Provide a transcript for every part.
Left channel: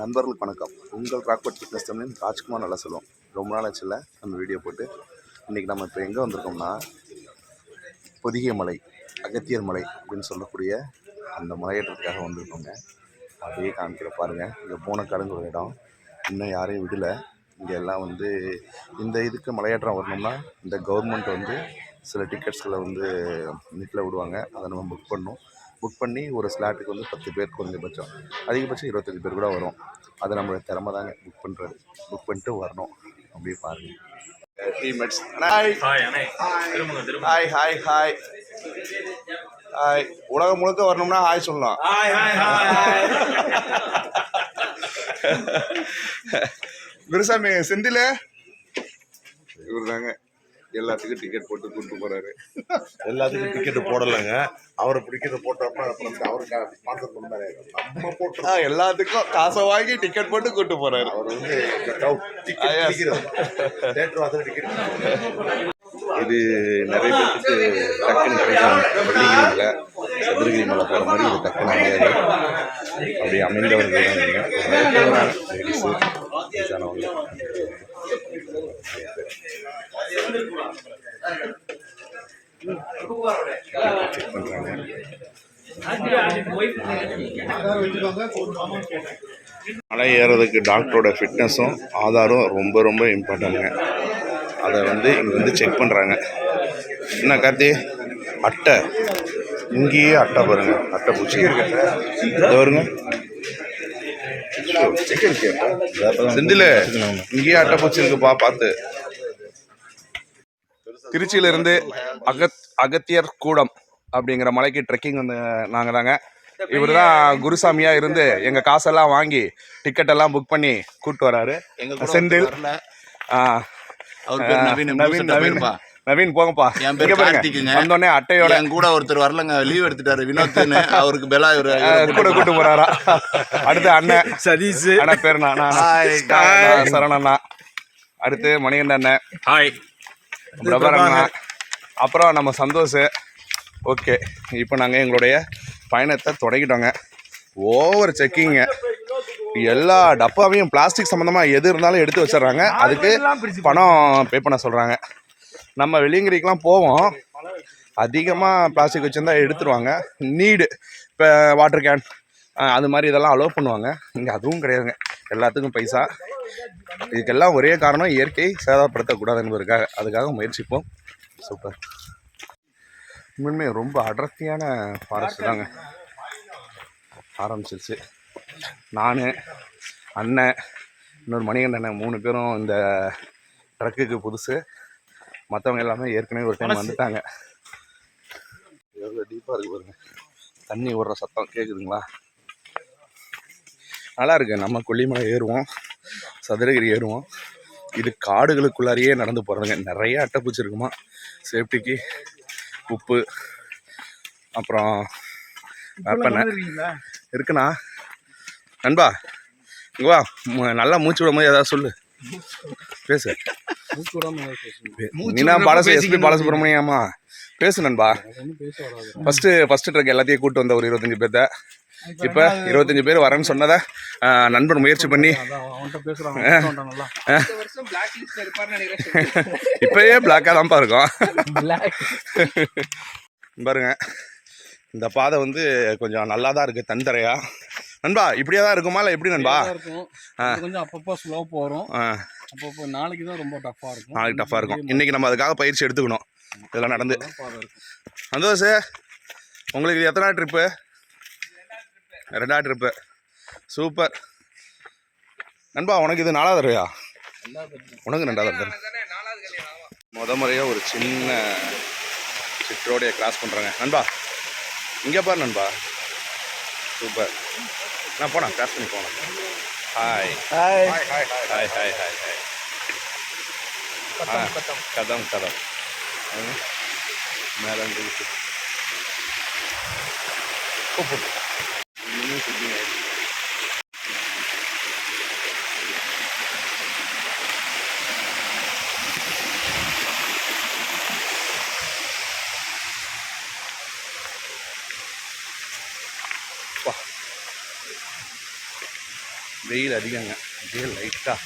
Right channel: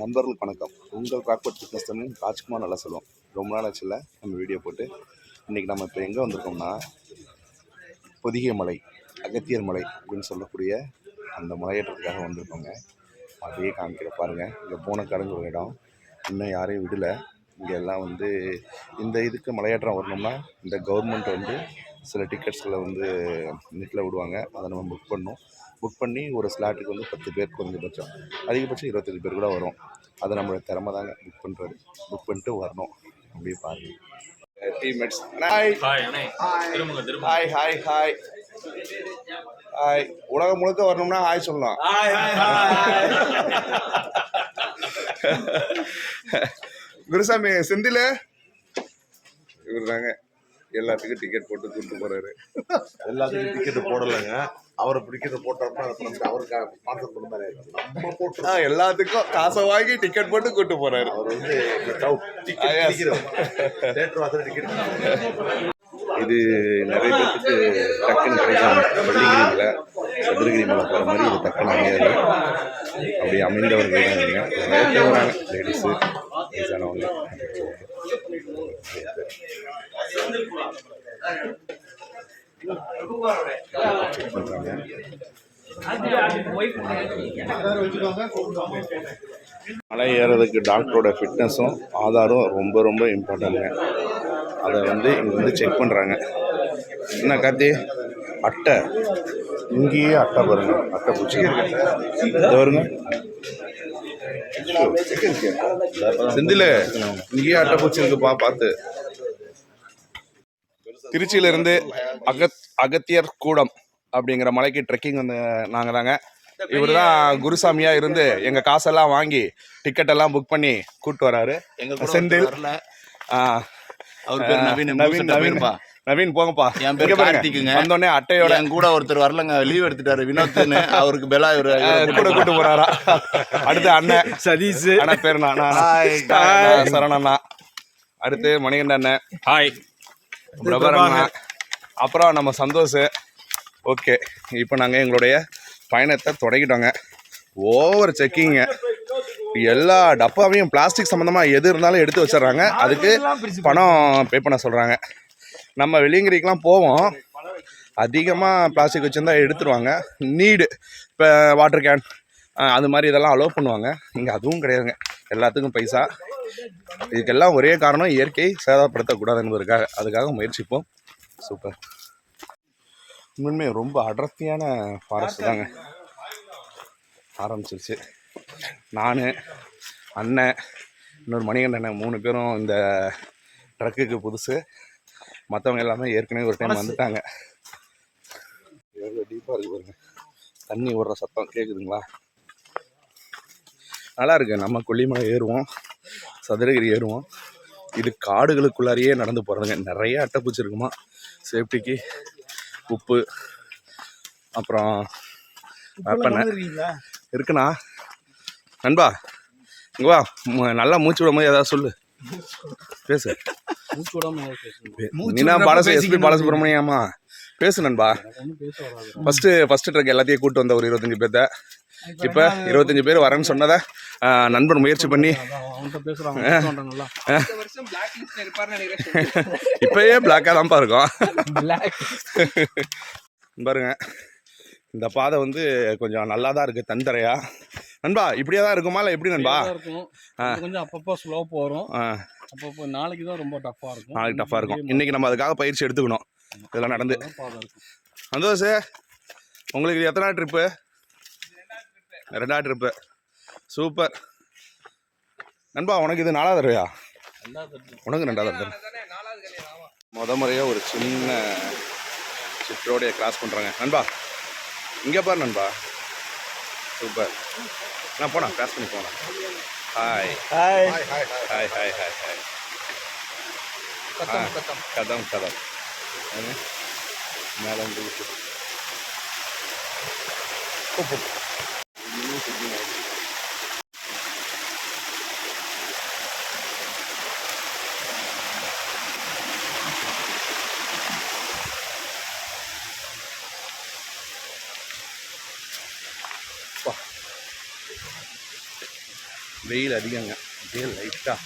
நண்பர்களுக்கு வணக்கம். உங்கள் ராக்பட் ஃபிட்னஸ் தமிழின் ராஜ்குமார் நல்லா சொல்லுவோம். ரொம்ப நாள் ஆச்சுல்ல நம்ம வீடியோ போட்டு. இன்றைக்கி நம்ம இப்போ எங்கே வந்திருக்கோம்னா, பொதிகை மலை, அகத்தியர் மலை அப்படின்னு சொல்லக்கூடிய அந்த மலையேற்றத்துக்காக வந்திருக்கோங்க. அப்படியே காமிக்கிற பாருங்கள். இங்கே போனக்காடுங்கிற ஒரு இடம், இன்னும் யாரையும் விடலை. இங்கே எல்லாம் இந்த இதுக்கு மலையேற்றம் வரணும்னா இந்த கவர்மெண்ட் சில டிக்கெட்ஸ்களை நெட்டில் விடுவாங்க. அதை நம்ம புக் பண்ணி ஒரு ஸ்லாட்டுக்கு 10 பேர் குறைஞ்சபட்சம், அதிகபட்சம் 25 பேர் கூட வரும். அது நம்மளோட திறமை தாங்க புக் பண்ணிட்டு வரணும். அப்படியே பாருங்கள். Teammates hi hi hi hi hi. உலகம் முழுக்க வரணும்னா ஹாய் சொல்லலாம். குருசாமி செந்தில் இவர் தாங்க எல்லாத்துக்கும் டிக்கெட் போட்டு கூப்பிட்டு போறாரு. எல்லாத்துக்கும் டிக்கெட் போடலைங்க, அவரை பிடிக்கிறது போட்டோம்னா அவருக்கு ஸ்பான்சர் பண்ண மாதிரி நம்ம போட்டு எல்லாத்துக்கும் காசை வாங்கி டிக்கெட் போட்டு கூப்பிட்டு போறாரு. அவர் தேட்டர் வாசல் டிக்கெட். இது நிறைய பேருக்கு டக்குன்னு கிடைக்கும். வெள்ளிகிரி மலை, சதுரகிரி மலை போகிற மாதிரி இது டக்குன்னு அமையாது. அப்படியே அமைந்தவர்கள் தான் நீங்கள் லேடிஸு வயசானவங்க செக் பண்ணுறாங்க. மலை ஏறதுக்கு டாக்டரோட ஃபிட்னஸும் ஆதாரம் ரொம்ப ரொம்ப இம்பார்ட்டன்ட்டுங்க. அதை இங்கே செக் பண்ணுறாங்க. என்ன கார்த்தி, அட்டை இங்கேயே அட்டை பாருங்க, அட்டை பூச்சி இதை வருங்க. செந்தில் இங்கேயே அட்டை பூச்சி இருக்குப்பா, பார்த்து. திருச்சியிலிருந்து அகத்தியர் கூடம் அப்படிங்கிற மலைக்கு ட்ரெக்கிங் நாங்கள் தாங்க. இவர் தான் குருசாமியா இருந்து எங்கள் காசெல்லாம் வாங்கி டிக்கெட் எல்லாம் புக் பண்ணி கூப்பிட்டு வராரு. செந்தில் நவீன் போங்கப்பா. என் பேர் கார்த்திக்குங்க. வந்தோடனே அட்டையோட என் கூட ஒருத்தர் வரலங்க, லீவ் எடுத்துட்டாரு, வினோத்னு. அவருக்கு பெலா கூட்டு போறாரா. அடுத்து அண்ணன் சதீஷ், அண்ணன் பேர் சரணண்ணா. அடுத்து மணிகண்ட அண்ணன், ஹாய். அப்புறம் நம்ம சந்தோஷ். ஓகே, இப்போ நாங்கள் எங்களுடைய பயணத்தை தொடங்கிட்டோங்க. ஓவர் செக்கிங்க, எல்லா டப்பாவையும் பிளாஸ்டிக் சம்மந்தமாக எது இருந்தாலும் எடுத்து வச்சிடுறாங்க. அதுக்கு பணம் பே பண்ண சொல்கிறாங்க. நம்ம வெள்ளியங்கிரிக்கெலாம் போவோம், அதிகமாக பிளாஸ்டிக் வச்சுருந்தா எடுத்துருவாங்க. நீடு இப்போ வாட்டர் கேன் அது மாதிரி இதெல்லாம் அலோவ் பண்ணுவாங்க. இங்கே அதுவும் கிடையாதுங்க, எல்லாத்துக்கும் பைசா. இதுக்கெல்லாம் ஒரே காரணம், இயற்கை சேதப்படுத்தக்கூடாது என்பதற்காக. அதுக்காக முயற்சிப்போம். சூப்பர். உண்மையுமே ரொம்ப அடர்த்தியான ஃபாரஸ்ட் தாங்க. ஆரம்பிச்சிருச்சு. நான், அண்ணன், இன்னொரு மணிகண்ட அண்ணன் 3 பேரும் இந்த ட்ரக்குக்கு புதுசு. மற்றவங்க எல்லாமே ஏற்கனவே ஒரு டைம் வந்துட்டாங்க. எவ்வளோ டீப்பாக இருக்குது பாருங்க. தண்ணி ஓடுற சத்தம் கேட்குதுங்களா? நல்லா இருக்குது. நம்ம கொல்லிமலை ஏறுவோம், சதுரகிரி ஏறுவோம். இது காடுகளுக்குள்ளாரையே நடந்து போகிறதுங்க. நிறைய அட்டைப்பூச்சி இருக்குமா. சேஃப்டிக்கு உப்பு, அப்புறம் வேப்பெண்ணெய் இருக்குண்ணா. நண்பா இங்கே வா, நல்லா மூச்சு விடும் போது ஏதாவது சொல்லு, பேசு. நீனா எஸ்பி பாலசுப்ரமணியம்மா பேசு நண்பா. ஃபஸ்ட்டு ட்ரக் எல்லாத்தையும் கூப்பிட்டு வந்த ஒரு 25 பேர்த்த. இப்போ 25 பேர் வரேன்னு சொன்னதை நண்பன் முயற்சி பண்ணி இப்பயே பிளாக்காக தான்ப்பா இருக்கும். பாருங்க, இந்த பாதை கொஞ்சம் நல்லா தான் இருக்குது, தந்தரையா. நண்பா இப்படியே தான் இருக்குமா இல்லை எப்படி நண்பா? கொஞ்சம் அப்பப்போ ஸ்லோ போகிறோம், அப்பப்போ நாளைக்கு தான் ரொம்ப டஃப்பாக இருக்கும். நாளைக்கு டஃப்பாக இருக்கும். இன்றைக்கி நம்ம அதுக்காக பயிற்சி எடுத்துக்கணும். இதெல்லாம் நடந்து. சந்தோஷ், உங்களுக்கு இது எத்தனை ட்ரிப்பு? 2ஆவது ட்ரிப்பு. சூப்பர் நண்பா. உனக்கு இது 4ஆவது தடவையா? உனக்கு 2ஆவது தடவை. முறையாக ஒரு சின்ன சிற்றோடைய கிராஸ் பண்ணுறாங்க நண்பா. இங்கே பாரு நண்பா, சூப்பர். நான் போனா கிராஸ் பண்ணி போனேன். Hi hi hi hi hi hi. கதம் மேலே வெயில் அதிகங்க, அப்படியே லைட்டாக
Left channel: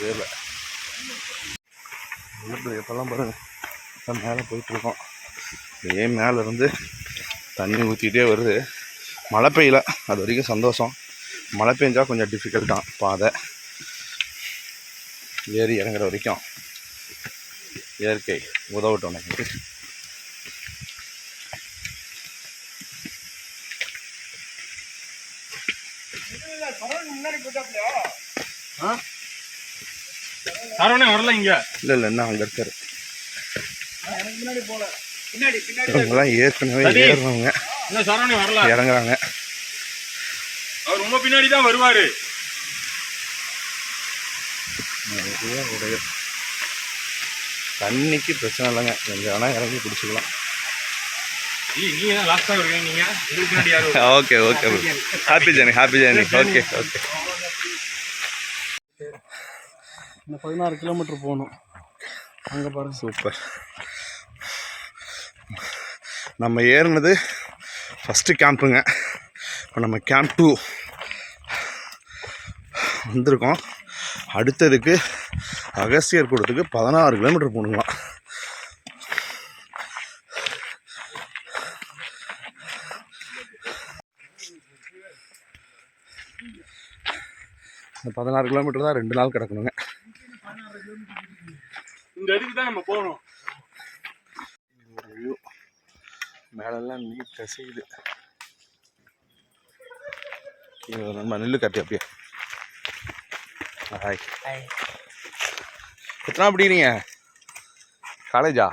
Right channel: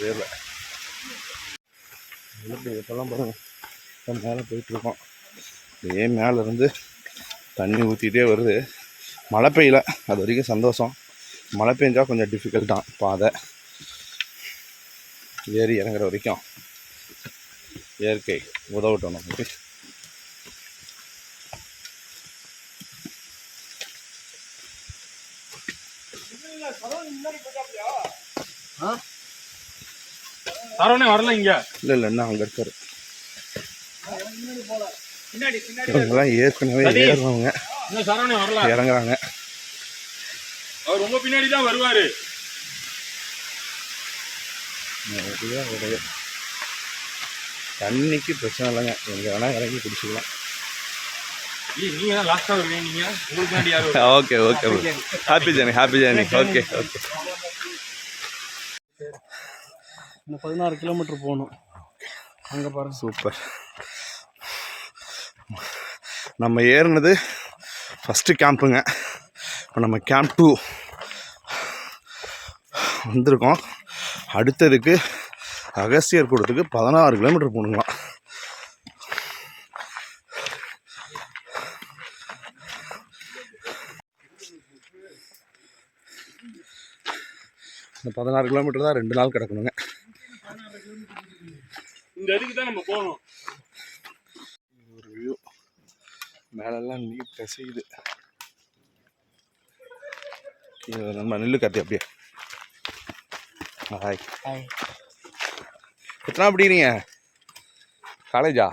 வேர்வை. எப்போல்லாம் பாருங்கள் மேலே போயிட்டுருக்கோம். இதே மேலேருந்து தண்ணி ஊற்றிக்கிட்டே வருது. மழை பெய்யல, அது வரைக்கும் சந்தோஷம். மழை பெஞ்சால் கொஞ்சம் டிஃபிகல்ட்டாக பாதை. ஏறி இறங்குற வரைக்கும் இயற்கை உதவட்டும் நமக்கு. சரவணே வரல இங்க. இல்லை என்ன அங்கே இருக்காரு. இவங்கெல்லாம் ஏற்கனவே ஏறுறவங்க சரவணே வரல, இறங்குறாங்க. அவர் ரொம்ப பின்னாடி தான் வருவாரு. நிறைய உடையும் தண்ணிக்கு பிரச்சனை இல்லைங்க, எங்கே வேணால் இறங்கி குடிச்சிக்கலாம். நீங்க தான் லாஸ்டா வருவீங்க, நீங்க உங்களுக்கு பின்னாடி யாரு? Okay okay, happy journey, happy journey. Okay okay. இன்னும் 16 கிலோமீட்டர் போகணும். அங்கே பாருங்க. சூப்பர். நம்ம ஏறினது ஃபஸ்ட்டு கேம்ப்புங்க. இப்போ நம்ம கேம்ப் 2 வந்திருக்கோம். அடுத்ததுக்கு அகஸ்தியர் கூடத்துக்கு 16 கிலோமீட்டர் போகணுங்களாம். இந்த 16 கிலோமீட்டர் தான் 2 நாள் கிடக்கணுங்க. இந்த இதுக்கு தான் நம்ம போகணும். ஒரு வியூ மேலெல்லாம் நீர் கசியுது. நம்ம நெல்லு கட்டு அப்படியே. ஹாய், எத்தனை படிக்கிறீங்க? காலேஜா?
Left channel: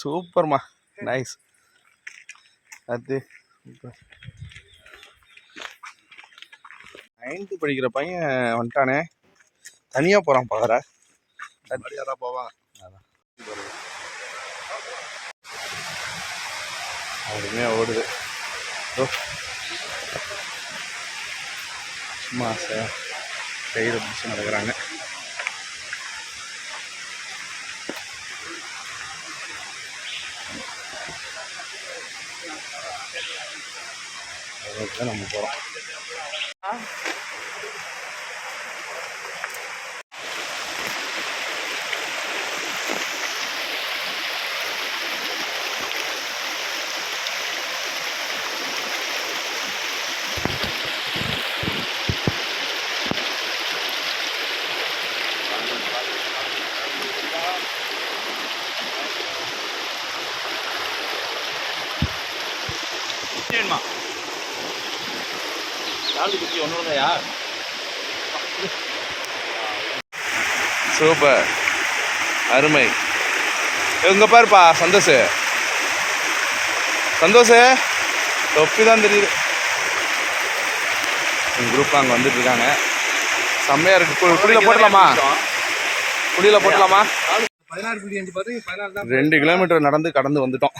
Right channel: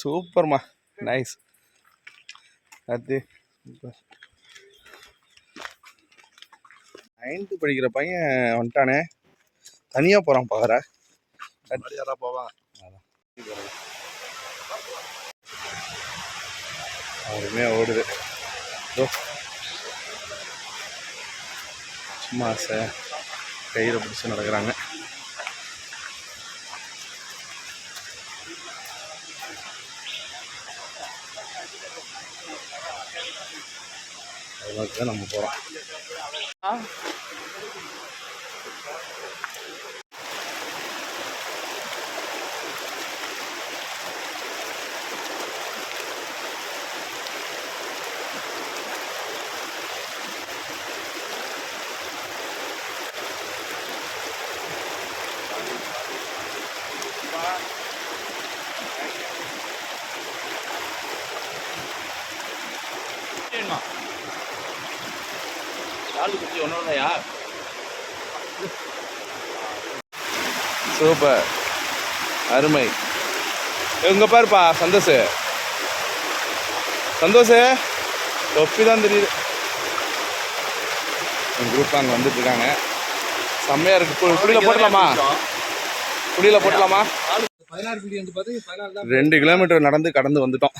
சூப்பர்மா, நைஸ். அது சூப்பர். 9th படிக்கிற பையன் வந்துட்டானே, தனியாக போகிறான் பாக்குற. யாரா போவாங்க. அவருமே ஓடுது. சும்மா கயிறை பிடிச்சி நடக்கிறாங்க. அதுக்கு தான் நம்ம போகிறோம். சூப்பர், அருமை. இவங்க பாருப்பா, சந்தோஷ் தொப்பி தான் தெரியுது. எங்கள் குரூப் அங்கே வந்துட்டு இருக்காங்க. செம்மையாக இருக்குது. குடியில் போட்டலாமா? 2 கிலோமீட்டர் நடந்து கடந்து வந்துட்டோம்.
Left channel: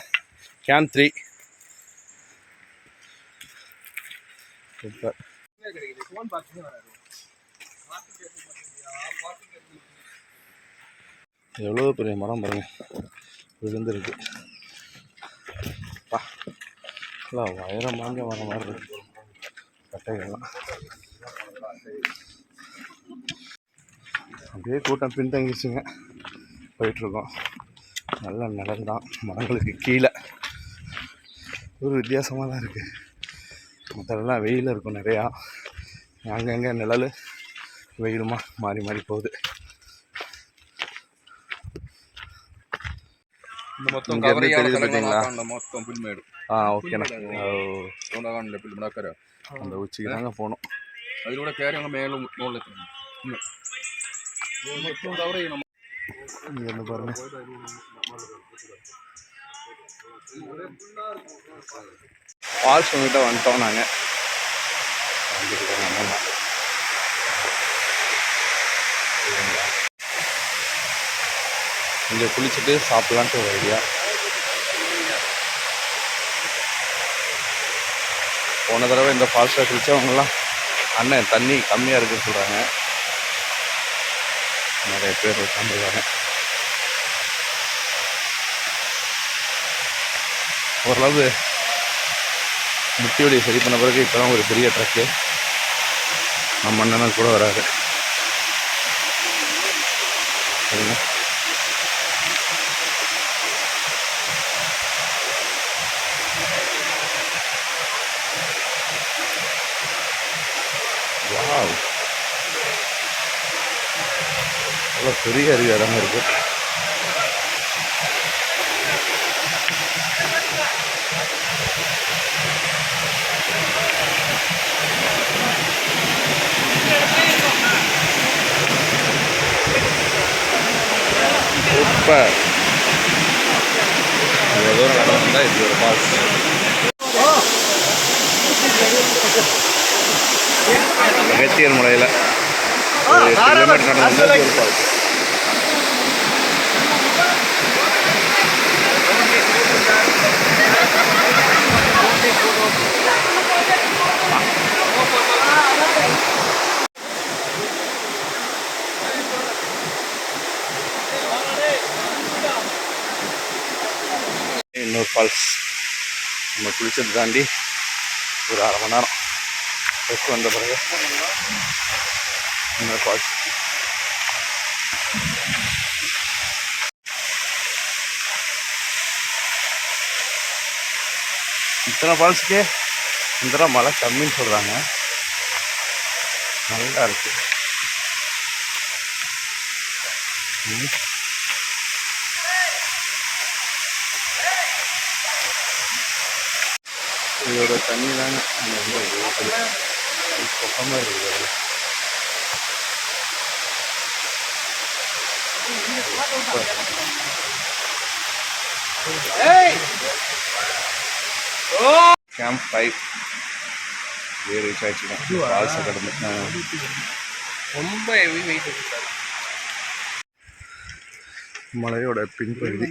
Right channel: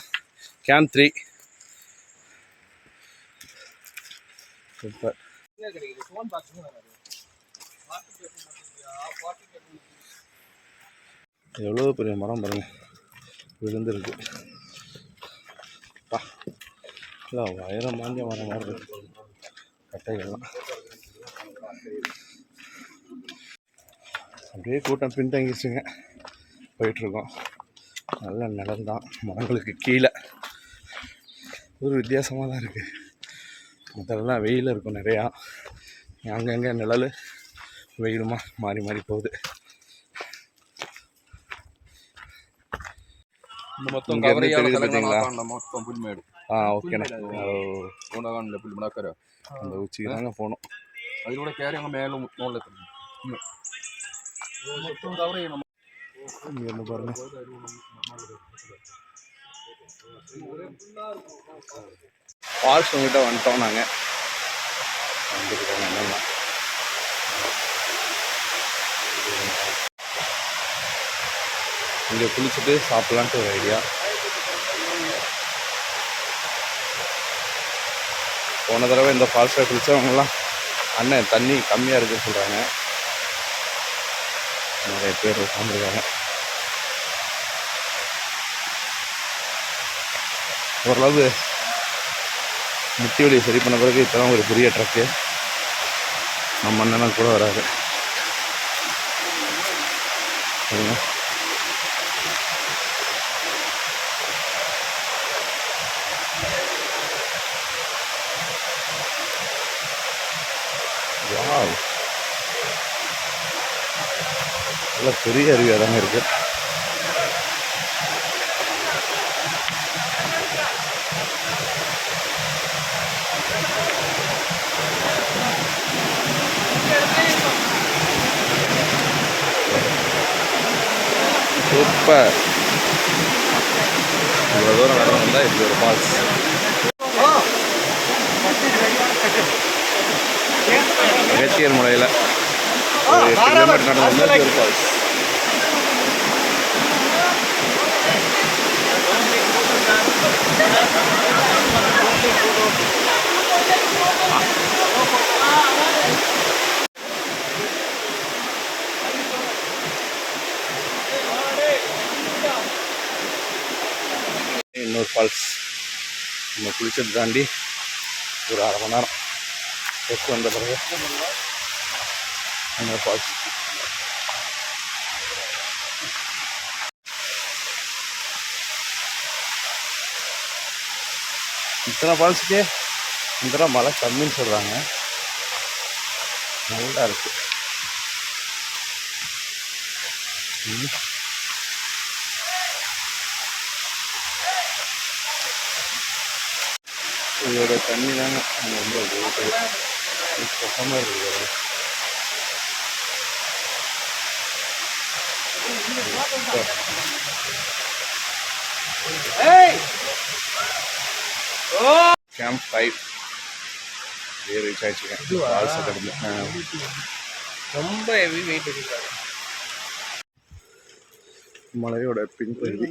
கேம்ப் 3. சூப்பர். எவ்வளோ பெரிய மரம் பாருங்க, விழுந்துருக்கு. இல்லை வயரம் மாஞ்ச மரம் மாதிரி இருக்கு கட்டைகள்லாம். அப்படியே கூட்டம் பின்தங்கிச்சுங்க. போயிட்டுருக்கோம். நல்ல நிழல் தான் மரங்களுக்கு கீழே. ஒரு வித்தியாசமாக தான் இருக்குது. மற்றெல்லாம் வெயில் இருக்கும் நிறையா, அங்கங்கே நிழல் வெயிலுமா மாறி மாறி போகுது. இங்கேருந்து தெரியுது பார்த்தீங்களா? ஓகேண்ணா. அந்த உச்சிக்கு தாங்க போகணும். അതിലൂടെ കയറി അങ്ങ് മേലെ മുകളിൽ இங்கேருந்து பாருங்க. ஃபால்ஸ் கிட்ட வந்துட்டோம். நாங்கள் வந்துருக்காங்க அண்ணா. இங்கே குளிச்சுட்டு சாப்பிட்லான்ட்டு ஒரு ஐடியா. போன தடவை இந்த ஃபால்ஸில் குளித்தவங்கலாம் அண்ணன் தண்ணி கம்மியாக இருக்குன்னு சொல்கிறாங்க. நிறைய பேர் உட்காந்துருக்காங்க. ஓரளவு முட்டி வலியை சரி பண்ண பிறகு இப்போ தான் ஒரு பெரிய ட்ரக்கு நம்ம அண்ணனும் கூட வராரு. சரிங்க, வாவ், நல்ல பெரிய அருவி இடம் இருக்குது. சூப்பர். இவ்வளோ தூரம் நடந்து வந்தால் இப்படி ஒரு ஃபால்ஸ். அகத்தியர் மலையில் ஒரு 8 கிலோமீட்டர் நடந்து வந்தால் இப்படி ஒரு ஃபால்ஸ். இன்னொரு ஃபால்ஸ். நம்ம குளிச்சது தாண்டி ஒரு 1/2 மணி நேரம் ரெஸ்ட் வந்த பிறகு இன்னொரு ஃபால்ஸ். இத்தனை ஃபால்ஸுக்கே இந்த தடவை மழை கம்மின்னு சொல்கிறாங்க. நல்லா இருக்கு. இதோட தண்ணி தாங்க அங்கே ரொம்ப இருக்குது. பக்கமாக இருக்குது. கேம்ப் 5 ரீச் ஆயிடுச்சுங்க. ஃபால்ஸை கடந்து ரொம்ப ஹெவி வெயிட் இருக்கு. மலையோட பின்பகுதி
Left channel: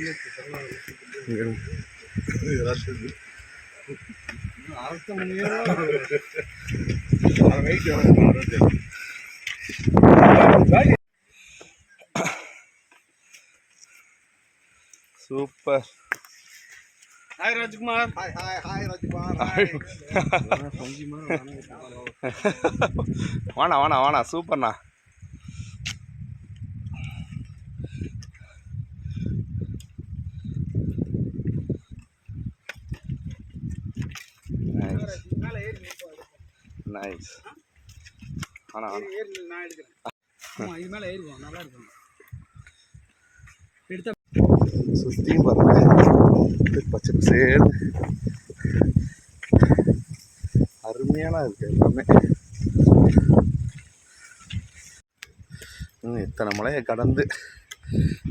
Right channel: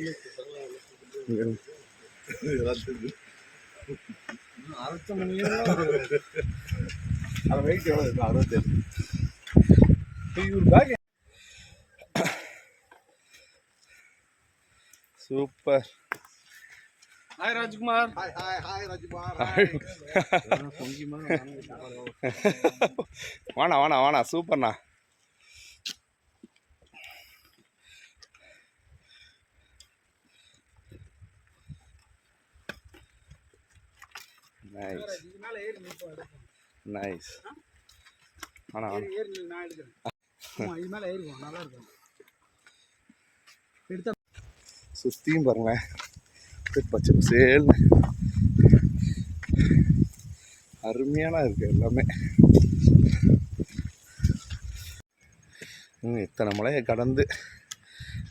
சூப்பர். ஹாய் ராஜ்குமார். வாண்ணா வாண்ணா வாண்ணா, சூப்பர்ண்ணா. நைஸ். ஆனால் நான் எடுக்கிறேன். இது மேலே ஏறிடுவோம், நல்லா இருக்கும். எடுத்த சுற்றியும் பாருங்க, பச்சை பசேல் அருமையான இருக்குது எல்லாமே. இத்தனை மலையை கடந்து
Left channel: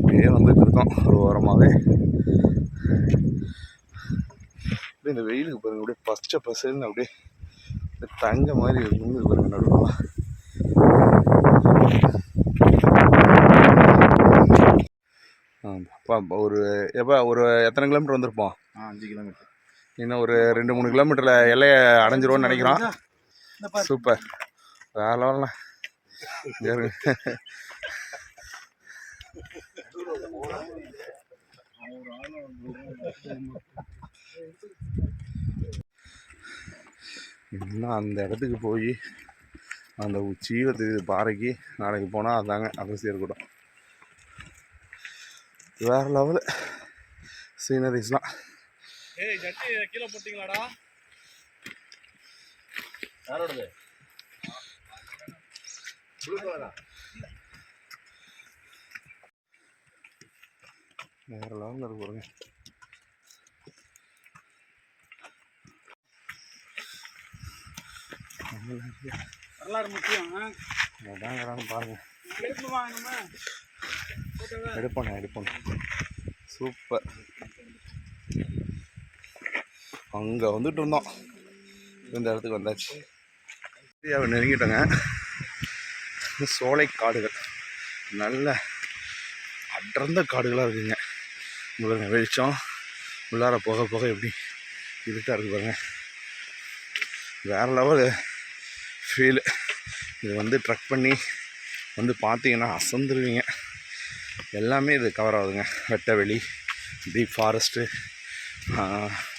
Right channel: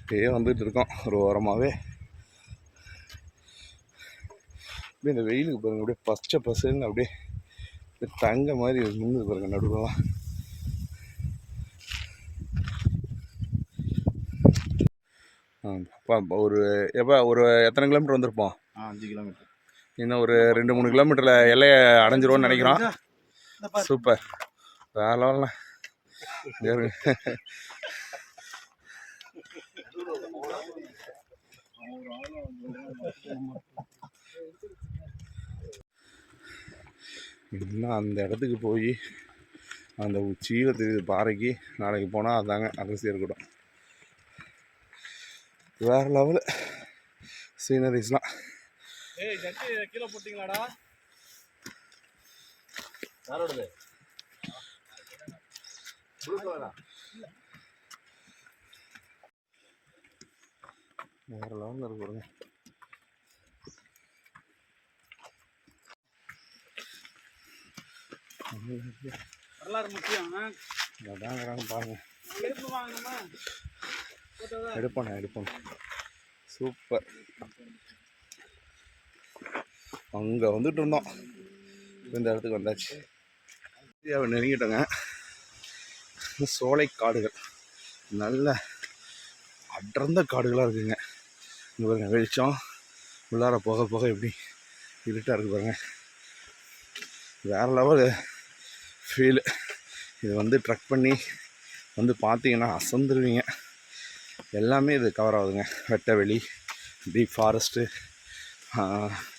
அப்படியே வந்துட்டு இருக்கோம் ஒரு ஓரமாகவே. அப்படியே இந்த வெயிலுக்கு பாருங்கள், அப்படியே பச்சை பசேல்னு அப்படியே தங்க மாதிரி முன்னு பாருங்க நடுவுலாம். ஒரு ஒரு எத்தனை கிலோமீட்டர் வந்திருப்போம்? 5 கிலோமீட்டர். இன்னும் ஒரு 2-3 கிலோமீட்டரில் எல்லையை அடைஞ்சிருவோன்னு நினைக்கிறோம். சூப்பர், வேற லெவல்ண்ணா. இன்னும் அந்த இடத்துக்கு போய் அந்த உச்சியில் தெரியுது பாறைக்கு நாளைக்கு போனால் அதாங்க அகஸ்தியர் கூட்டம். வேறு லெவலு சீனரிஸ்லாம். கீழே போட்டிங்களாடா? யாரோடது? வேறு லெவலில் இருக்கு பாருங்க. வரலாறு முக்கியம். அதாங்கிறாங்க பாருங்க. எடுப்போம். சூப்பர். அங்கே வந்துட்டு இருந்தோம், இந்த இடத்துக்கு வந்தாச்சு. இந்தியாவை நெருங்கிட்டோங்க. சோலை காடுகள், நல்ல அடர்ந்த காடுகளாக இருக்குங்க. இங்கே பாருங்க, வெளிச்சம் உள்ளார போக போக எப்படி இருட்டாக இருக்குது பாருங்க. வேறு லெவல் ஃபீலு. இது வந்து ட்ரக் பண்ணி வந்து பார்த்தீங்கன்னா அசந்துருவீங்க. எல்லாமே இது கவர் ஆகுதுங்க. வெட்டவெளி, டீப் ஃபாரஸ்ட்டு,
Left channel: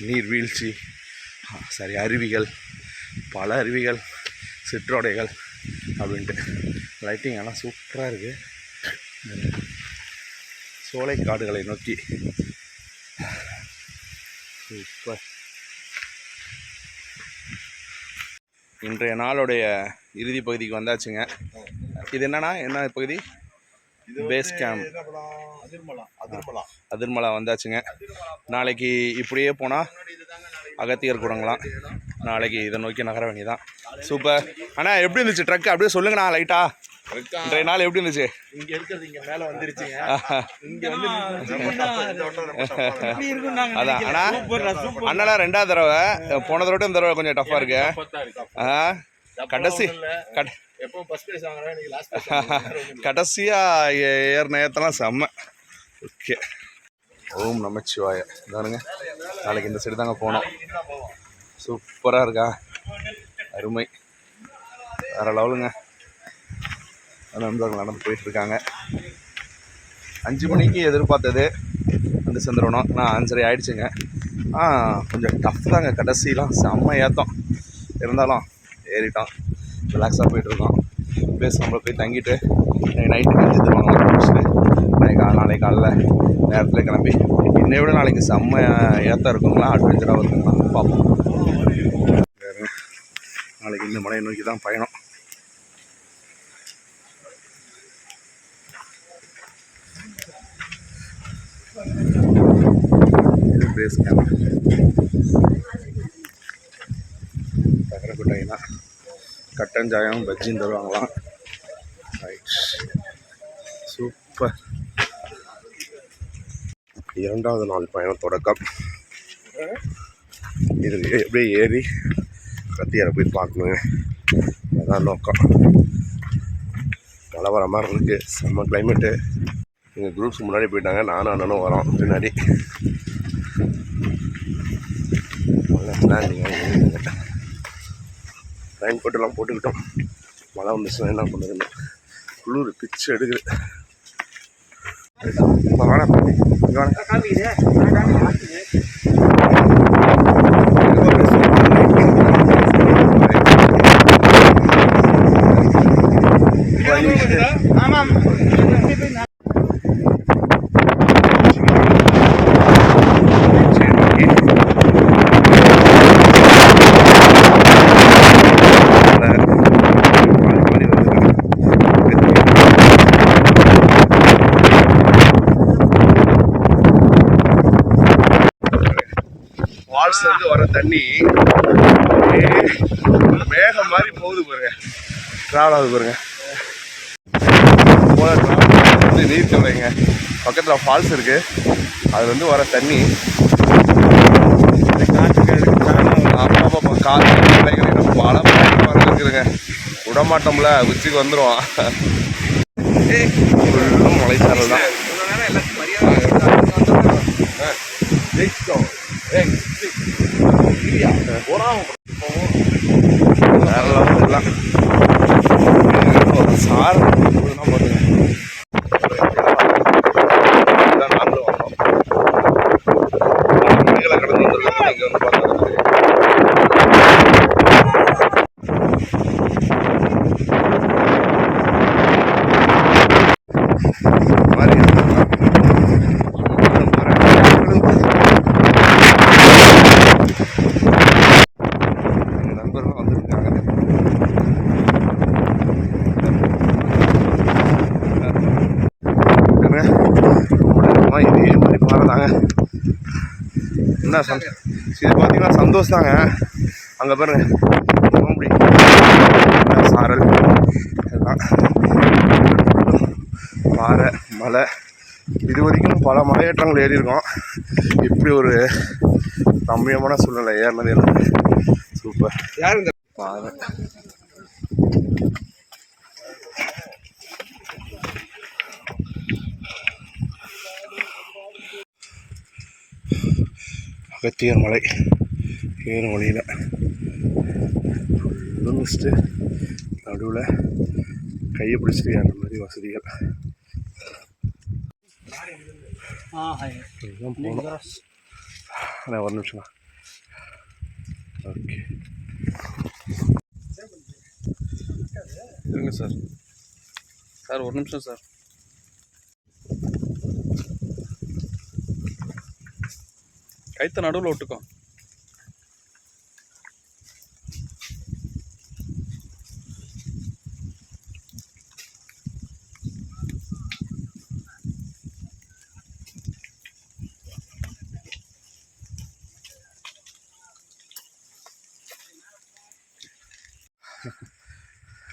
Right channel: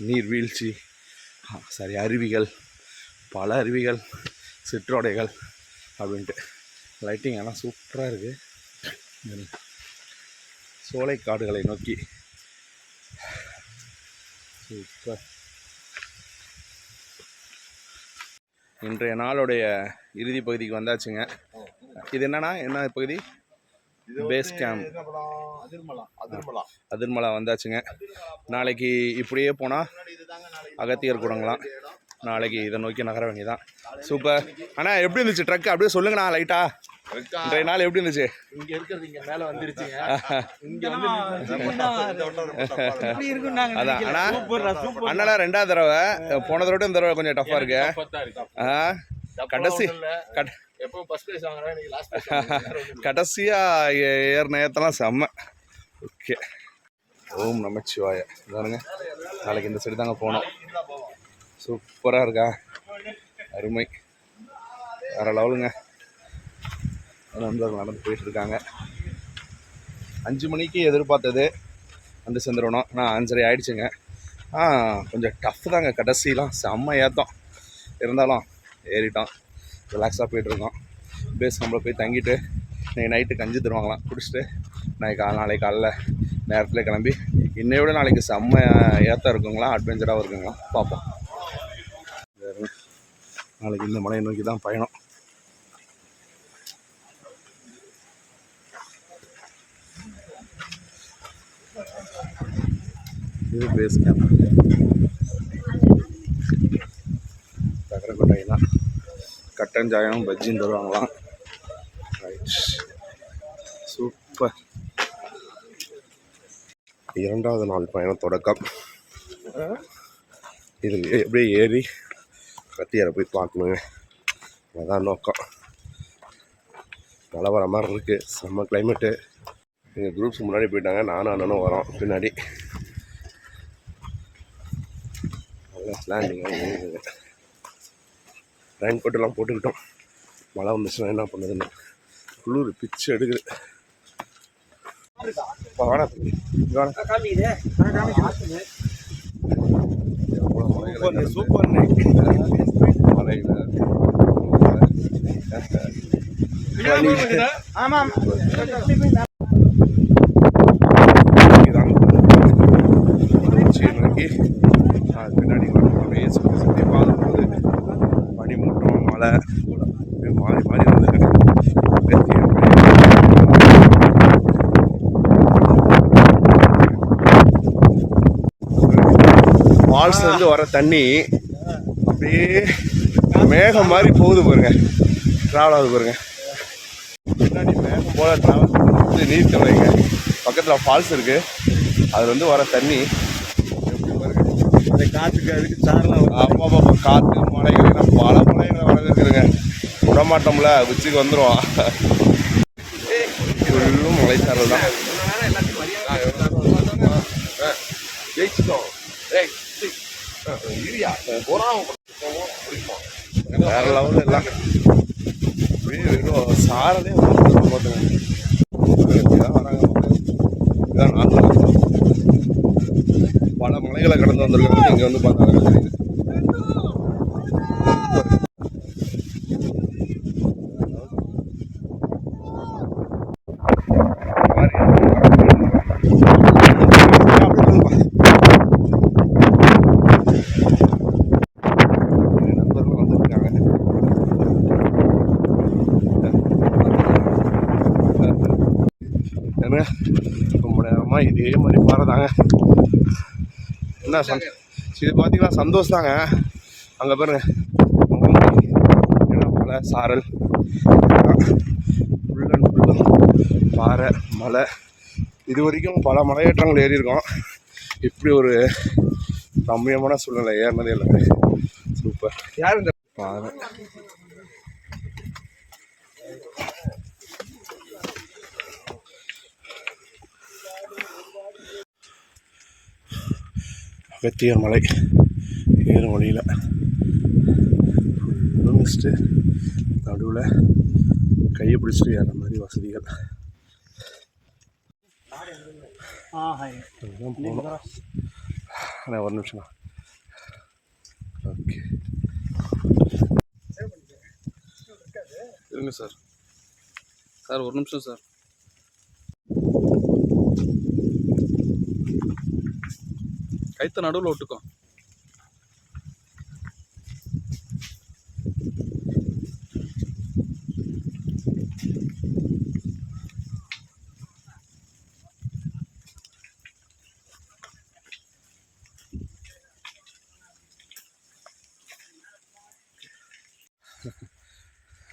நீர்வீழ்ச்சி, அருவிகள், பல அருவிகள், சிற்றோடைகள், அப்படின்ட்டு. லைட்டிங் எல்லாம் சூப்பராக இருக்குது. சோலை காடுகளை நோக்கி சூப்பர். இன்றைய நாளுடைய இறுதி பகுதிக்கு வந்தாச்சுங்க. இது என்னன்னா என்ன பகுதி? பேஸ் கேம்ப் அதிர்மலா வந்தாச்சுங்க. நாளைக்கு இப்படியே போனால் அகத்தியர் கூடங்களாம். நாளைக்கு இதை நோக்கி நகர வேண்டியதான். சூப்பர் அண்ணா. எப்படி இருந்துச்சு ட்ரக்? அப்படியே சொல்லுங்கண்ணா லைட்டா. இன்றைய நாள் எப்படி இருந்துச்சு? இங்க இருக்கிறது இங்க மேல வந்துருச்சுங்க. இங்க வந்து அதான் அண்ணா. அண்ணா 2வது தடவை, போன தடவை இந்த தடவை கொஞ்சம் டஃப்பாக இருக்கு. கடைசி கடைசியாக ஏறின ஏற்றலாம் செம்ம. ஓகே. ஓம் நமச்சிவாய. பாருங்க, நாளைக்கு இந்த சைடு தாங்க போனோம். சூப்பராக இருக்கா? அருமை, வேறு லெவலுங்க. நண்பர்கள் நடந்து போயிட்டுருக்காங்க. 5 மணிக்கு எதிர்பார்த்தது வந்து சேர்ந்துடணும். ஆனால் 5:30 ஆகிடுச்சுங்க. கொஞ்சம் டஃப் தாங்க. கடைசிலாம் செம்ம ஏற்றம் இருந்தாலும் ஏறிட்டோம். ரிலாக்ஸாக போயிட்டுருக்கோம். பேஸ் நம்மளை போய் தங்கிட்டு நைட்டு கஞ்சி தருவாங்களாம் குடிச்சிட்டு நாளைக்கு காலைல நேரத்தில் கிளம்பி இன்னை விட நாளைக்கு செம்ம ஏற்றம் இருக்குங்களா, அட்வென்ச்சராகவும் இருக்குங்களா பார்ப்போம். நாளைக்கு இந்த மலையை நோக்கி தான் பயணம். இது பேஸ் கேம்ப். தகரக்கொட்டை தான். கட்டஞ்சாயம் பஜ்ஜின்னு தருவாங்களாம். Right, super. 2வது நாள் பயணம் தொடக்கம். இது எப்படியே ஏறி கத்தியாரை போய் பார்க்கணுங்க. அதுதான் நோக்கம். மழை வர மாதிரி இருக்குது. செம்ம கிளைமேட்டு. எங்கள் குரூப்ஸ் முன்னாடி போயிட்டாங்க. நானும் அண்ணனும் வரோம் பின்னாடி. பிளானிங்க ரெயின் கோட்டெல்லாம் போட்டுக்கிட்டோம். மழை வந்துச்சுன்னா என்ன பண்ணுதுன்னு குளிர் பிச்சு எடுக்குது. வாடா பாட்டி, இங்கே வாடா. ஃபால்ஸ்லேருந்து வர தண்ணி அப்படியே மேகம் மாதிரி போகுது பாருங்க. ட்ராவல் ஆகுது பாருங்க. போல ட்ராவல் வந்து நீர்த்தலைங்க. பக்கத்தில் ஃபால்ஸ் இருக்குது. அதுலேருந்து வர தண்ணி இந்த காட்டுக்கு அதுக்கு அப்பப்போ காற்று மலைகள் பல வர இருக்குதுங்க. விடமாட்டோம்ல, உச்சிக்கு வந்துடுவோம். ஃபுல்லும் மலைச்சாரல் தான். வேற லெவலில் எல்லாம் சார் பார்த்துங்க. நாங்களும் வந்தோம். பல மலைகளை கடந்து வந்திருக்கோம். இங்கே வந்து பார்க்க தெரியும். இதே மாதிரி பாருதாங்க. என்ன இது பார்த்தீங்கன்னா சந்தோஷம் தாங்க. அங்கே பாருங்க சாரல், பாறை, மலை. இது வரைக்கும் பல மலையேற்றங்கள் ஏறி இருக்கோம். இப்படி ஒரு ரம்மியமான சூழ்நிலை ஏறினது எல்லாமே சூப்பர். யார் இந்த பாறை? அகத்தியர் மலை ஏறும் வழியில் ஃபுல்லும் மிஸ்ட்டு. நடுவில் கையை பிடிச்சிட்டு ஏற மாதிரி வசதிகள். இதுதான் போகணும். ஆனால் ஒரு நிமிஷம். ஓகே. இருங்க சார். சார் ஒரு நிமிஷம் சார். கைத்த நடுவில் விட்டுக்கோ.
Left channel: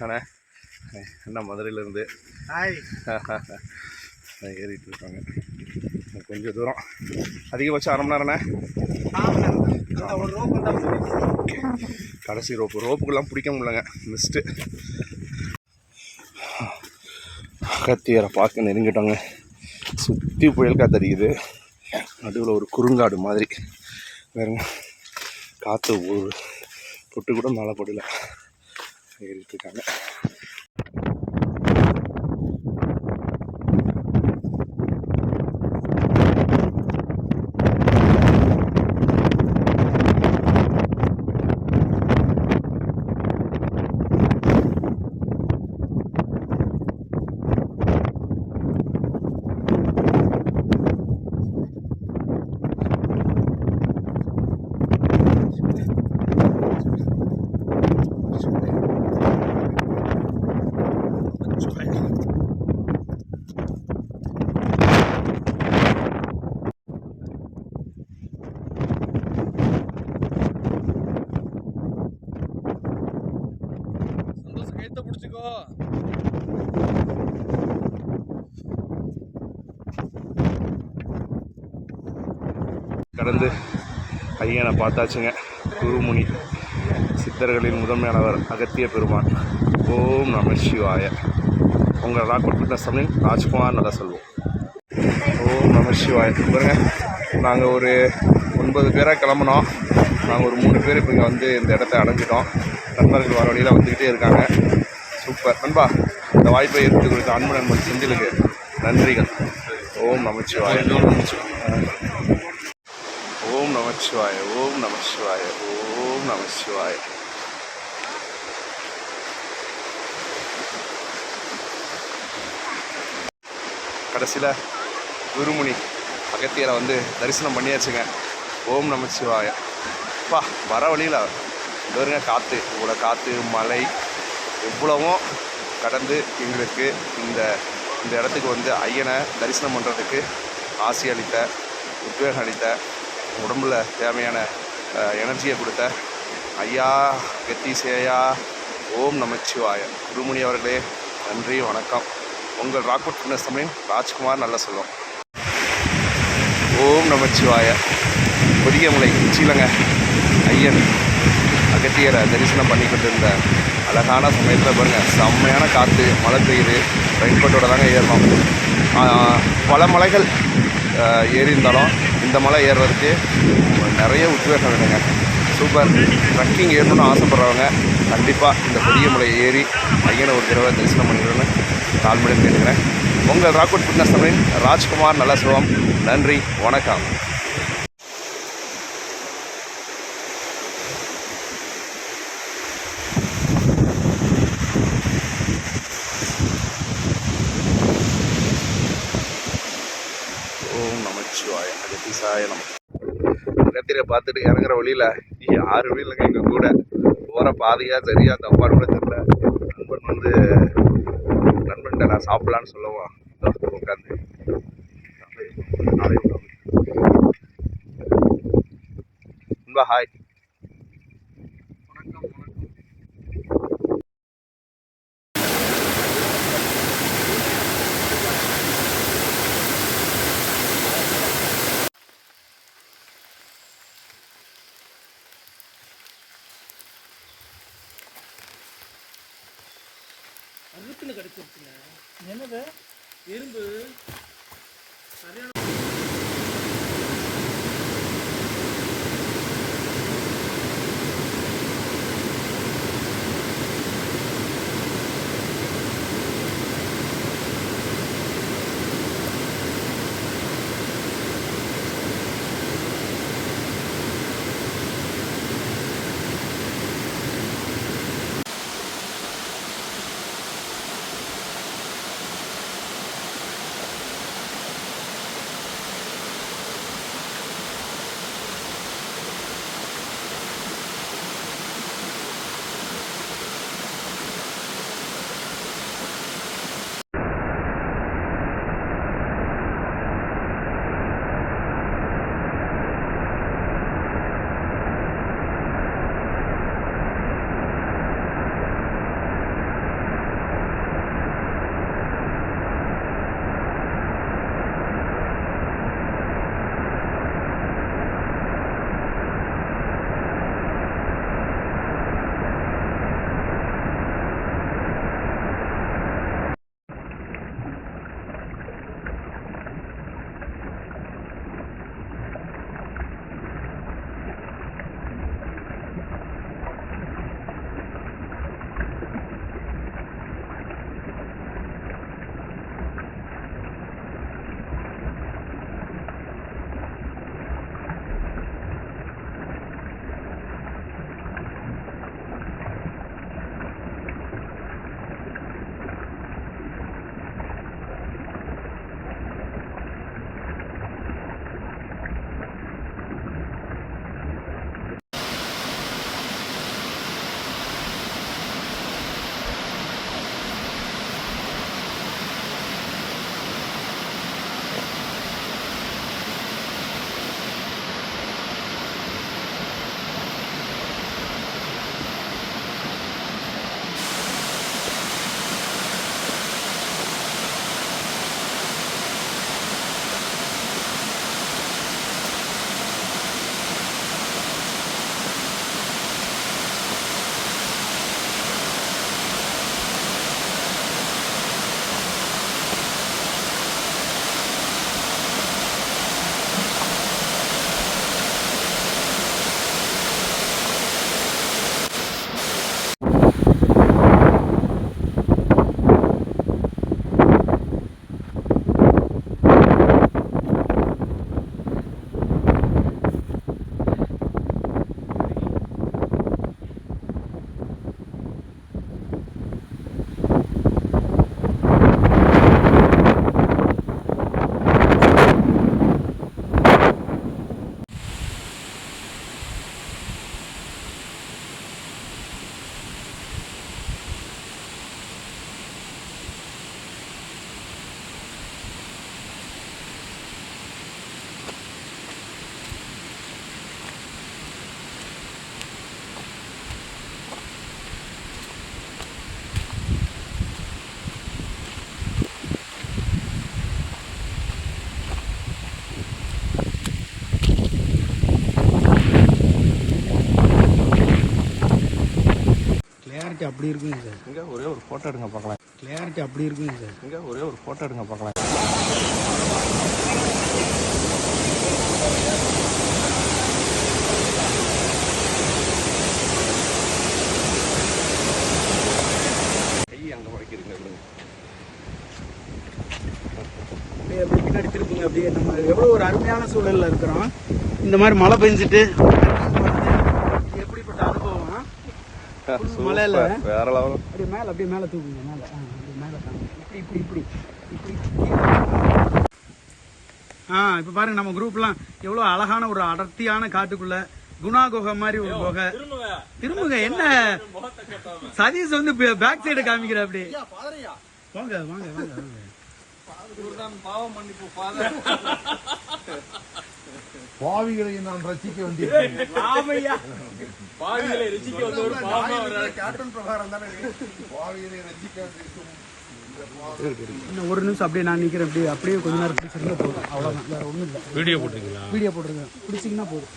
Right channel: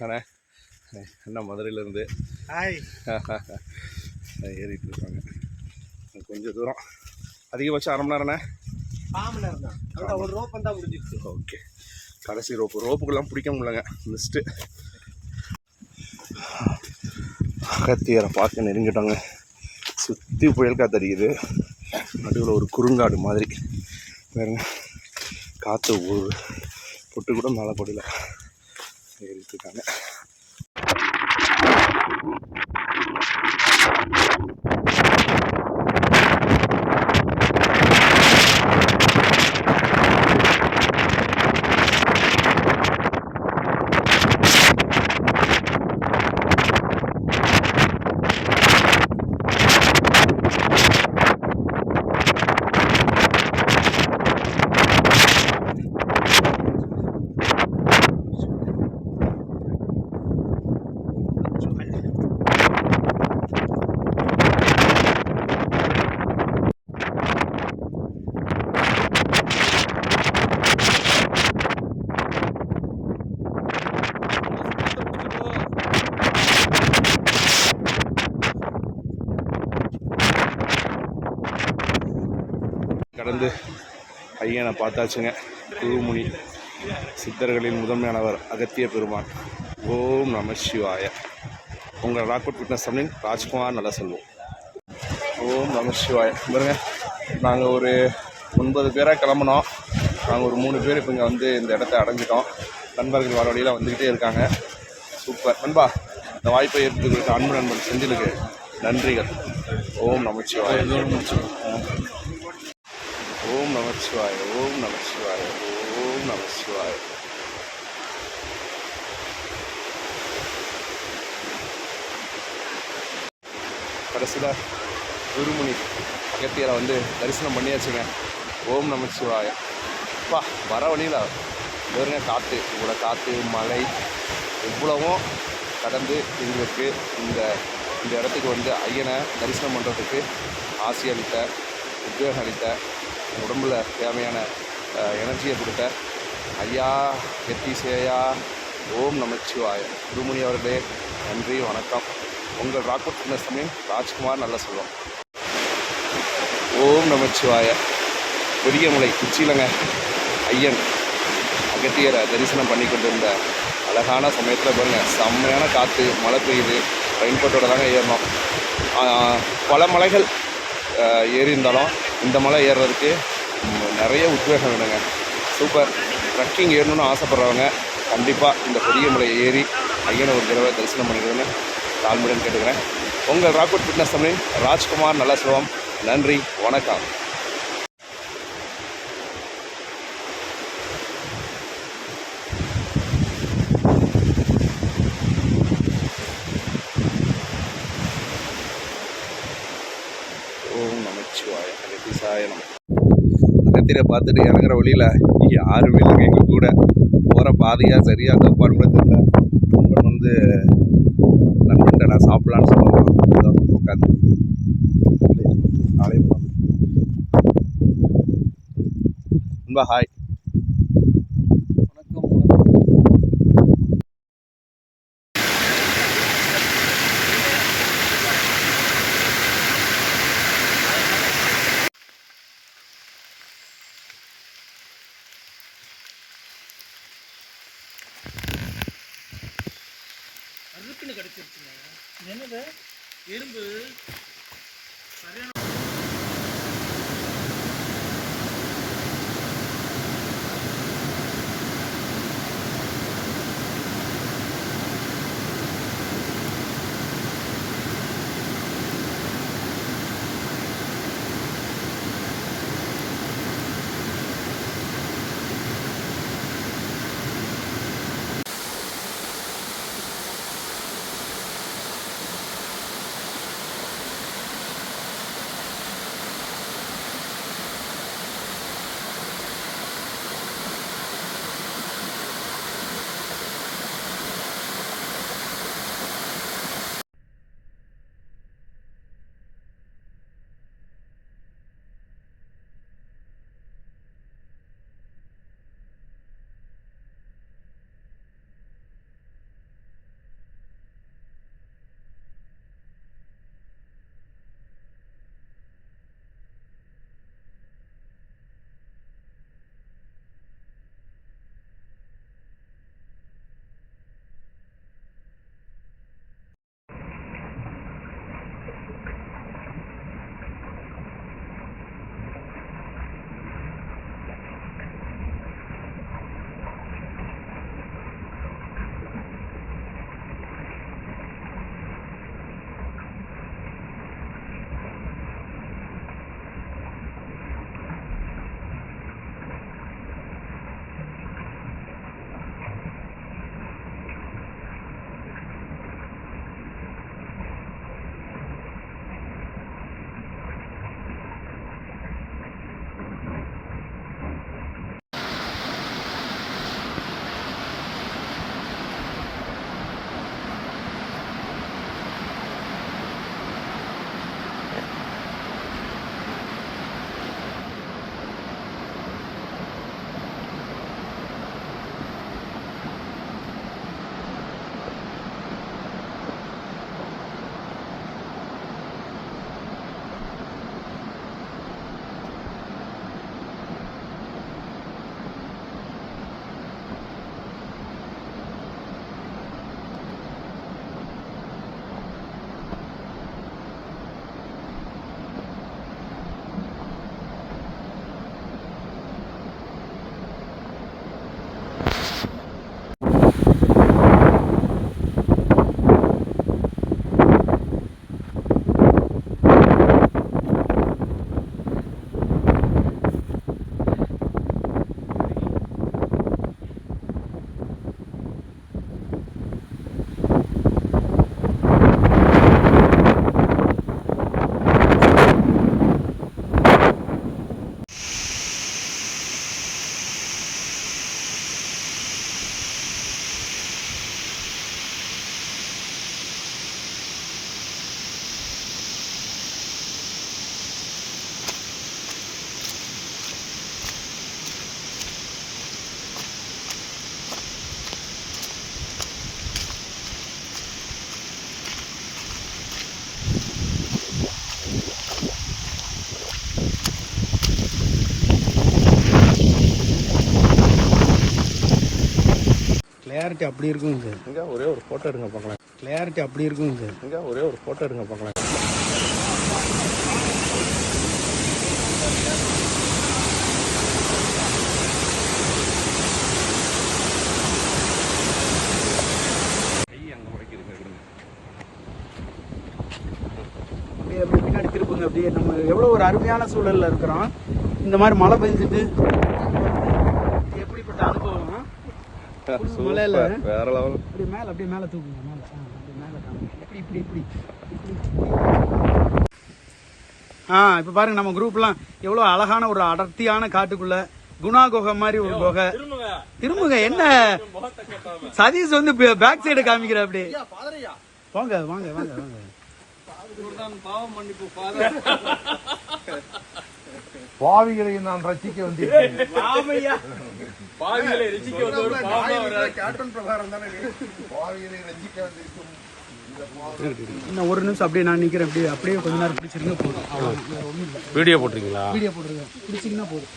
அண்ணே அண்ணா மதுரையிலேருந்து ஹாய். ஏறிட்டு இருக்காங்க. கொஞ்சம் தூரம், அதிகபட்சம் அரை மணி நேரண்ணே. ஒரு ரோப் வந்தால் ஓகே, கடைசி ரோப்புக்கெல்லாம் பிடிக்க முடியலங்க, மிஸ்ட்டு. அகத்தியரை பார்க்க நெருங்கிட்டோங்க. சுற்றி புயல் காத்தடிக்குது, நடுவில் ஒரு குறுங்காடு மாதிரி பாருங்க. காற்று ஒரு பொட்டு கூட மேலே போடல. ஏறிட்டு இருக்காங்க. கடந்து ஐயனை பார்த்தாச்சுங்க. குருமுனி சித்தர்களின் முதன்மையானவர் அகத்திய பெருமான். ஓம் நம சிவாய. உங்கள் ராக்வுட் ஃபிட்னஸ் தமிழின் ராஜ்குமார் நல்லா சொல்லுவோம். ஓம் நம சிவாய. பாருங்க, நாங்கள் ஒரு 9 பேராக கிளம்பினோம். நாங்கள் ஒரு 3 பேர் இப்போ இங்கே வந்து இந்த இடத்த அடைஞ்சிட்டோம். நண்பர்கள் வர வழியில் வந்துக்கிட்டே இருக்காங்க. சூப்பர் நண்பா. இந்த வாய்ப்பை ஏற்படுத்தி கொடுத்த அன்பு நண்பன் செந்திலுக்கு நன்றிகள். ஓம் நமச்சிவாய. ஓம் நமச்சிவாய. ஓம் நமச்சிவாய. ஓம் நமச்சிவாய. கடைசியில் குருமுனி அகத்தியரை வந்து தரிசனம் பண்ணியாச்சுங்க. ஓம் நமச்சிவாய. பா, வர வழியில் பாருங்க, காற்று, இவ்வளோ காற்று மழை எவ்வளவும் கடந்து எங்களுக்கு இந்த இந்த இடத்துக்கு வந்து ஐயனை தரிசனம் பண்ணுறதுக்கு ஆசை அளித்த, உத்வேகம் அளித்த, உடம்புல தேவையான எனர்ஜியை கொடுத்த ஐயா கத்தீசேயா ஓம் நமச்சிவாய குருமுனி அவர்களே நன்றி, வணக்கம். உங்கள் ராக்வுட் ஃபிட்னஸ் தமிழின் ராஜ்குமார் நல்ல சொல்லும். ஓம் நமச்சிவாய. பொதிகைமலை உச்சியிலங்க ஐயன் அகத்தியரை தரிசனம் பண்ணி கொண்டிருந்த அழகான சமயத்தில் பாருங்கள், செம்மையான காற்று, மழை பெய்யுது. ரெயின்கோட்டோட தாங்க ஏறணும். பல மலைகள் ஏறி இருந்தாலும் இந்த மலை ஏறுறதுக்கு நிறைய உத்வேகம் வேணுங்க. சூப்பர். ட்ரக்கிங் ஏறணும்னு ஆசைப்பட்றவங்க கண்டிப்பாக இந்த பொதிகைமலையை ஏறி ஐயனை ஒரு தடவை தரிசனம் பண்ணிக்கணும்னு தாழ்மையுடன் கேட்டுக்கிறேன். உங்கள் ராக்வுட் ஃபிட்னஸ் தமிழின் ராஜ்குமார் நல்ல சொல்லுவோம். நன்றி, வணக்கம். ஓம் நமச்சிவாய. அகத்தீசாய நம. அகத்தியரை பார்த்துட்டு இறங்குற வழியில் யாருமே இல்லைங்க எங்கள் கூட. போகிற பாதையாக சரியாக தப்பான்னு கூட தெரியல. நண்பன் வந்து நண்பன்கிட்ட நான் சாப்பிட்லான்னு சொல்லுவான். உட்காந்து நாளை நண்பா ஹாய். வணக்கம் வணக்கம். அருக்குன்னு கிடைச்சிருச்சுங்க. என்னது எறும்பு சரியான கிளியாரிட்டி அப்படி இருக்குங்க சார். இங்கே ஒரே ஒரு ஃபோட்டோ எடுங்க பார்க்கலாம். கிளியாரிட்டி அப்படி இருக்குங்க சார். இங்கே ஒரே ஒரு ஃபோட்டோ எடுங்க பார்க்கலாம். அங்கே முளைக்குதுங்க விடுங்க. அப்படியே பின்னாடி திருப்புங்க. அப்படியே நம்ம எவ்வளோ ஒரு அருமையான சூழலில் இருக்கிறோம். இந்த மாதிரி மழை பெஞ்சிட்டு எப்படிப்பட்ட அனுபவம். மலையில வேற லெவல். அப்படியே மேலே தூக்குங்க. மேலே அப்படியே மேலே காணும். இப்படி இப்போ பாருங்க நம்ம குரூப்லாம் எவ்வளோ அழகான ஒரு அடர்த்தியான காட்டுக்குள்ள குணா குகை மாதிரி ஒரு குகை. திரும்புங்க. என்ன சதீஷ் வந்து பேக் சைடு காமிக்கிற. அப்படி வாங்க வாங்க வாங்க வாங்க. பாவிகளை நான் ரசிக்க வந்தேன். பாவிகளை ரசிக்க வந்தவர் கேப்டன் பிரகாரம் தானே பாவிகளை ரசிக்க வந்திருக்கும். இன்னும் ஒரு நிமிஷம் அப்படியே நான் நிக்கிறேன். அப்படியே கொஞ்ச நேரம் பிடிச்சிருந்தா போதும். அவ்வளோதான். ஒன்றும் இல்லை. வீடியோ போட்டிருக்கீங்களா? வீடியோ போட்டுருக்கேன். பிடிச்சிங்கன்னா போதும்.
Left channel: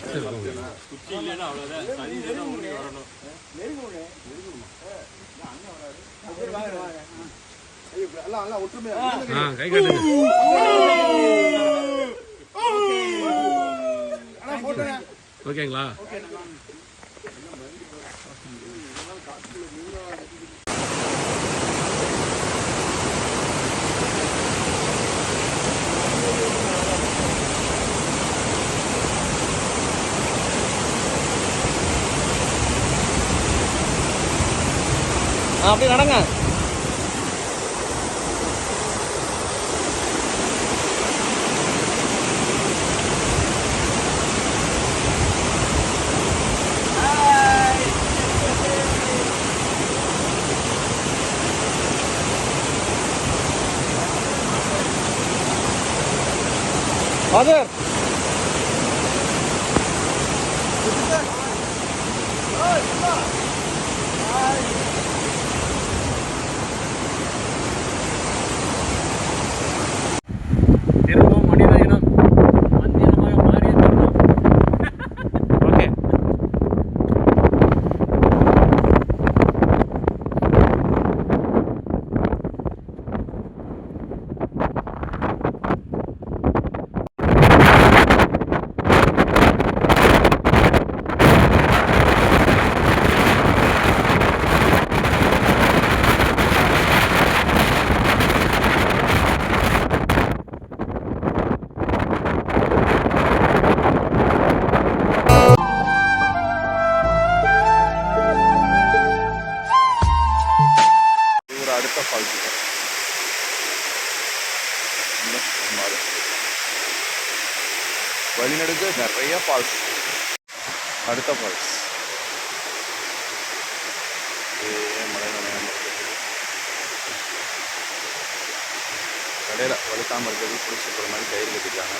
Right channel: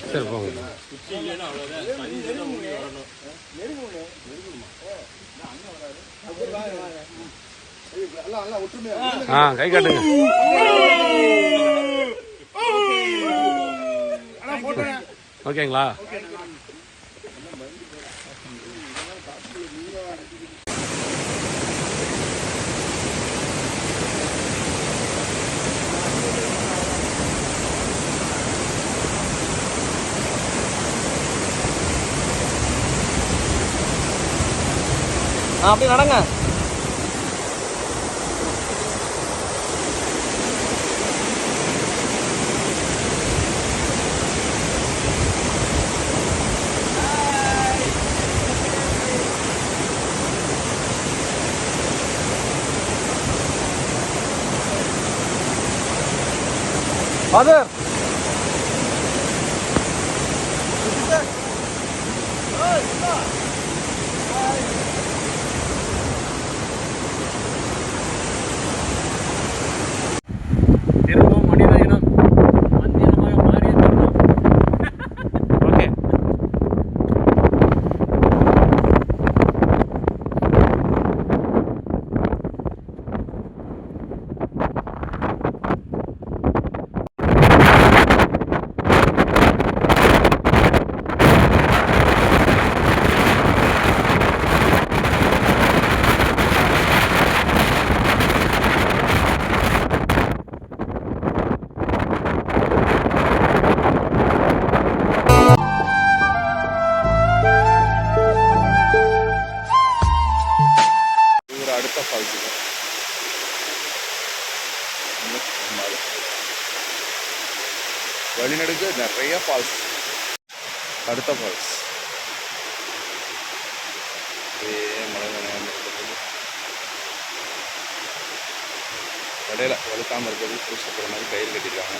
கை காட்டுங்க. ஓகேங்களா? அப்படியே நடங்க. திரும்பவும் மனித இனம் மந்திரமாக மாறிய தருணம். ஓகே. ஒரு அடுத்த ஃபால்ஸ் வழிநடுக்கு நிறைய ஃபால்ஸ். அடுத்த ஃபால்ஸ் மழை கடையில் வழுக்காமல் இருக்கிறது பிடிச்சி போகிற மாதிரி கயிறு கட்டிருக்காங்க.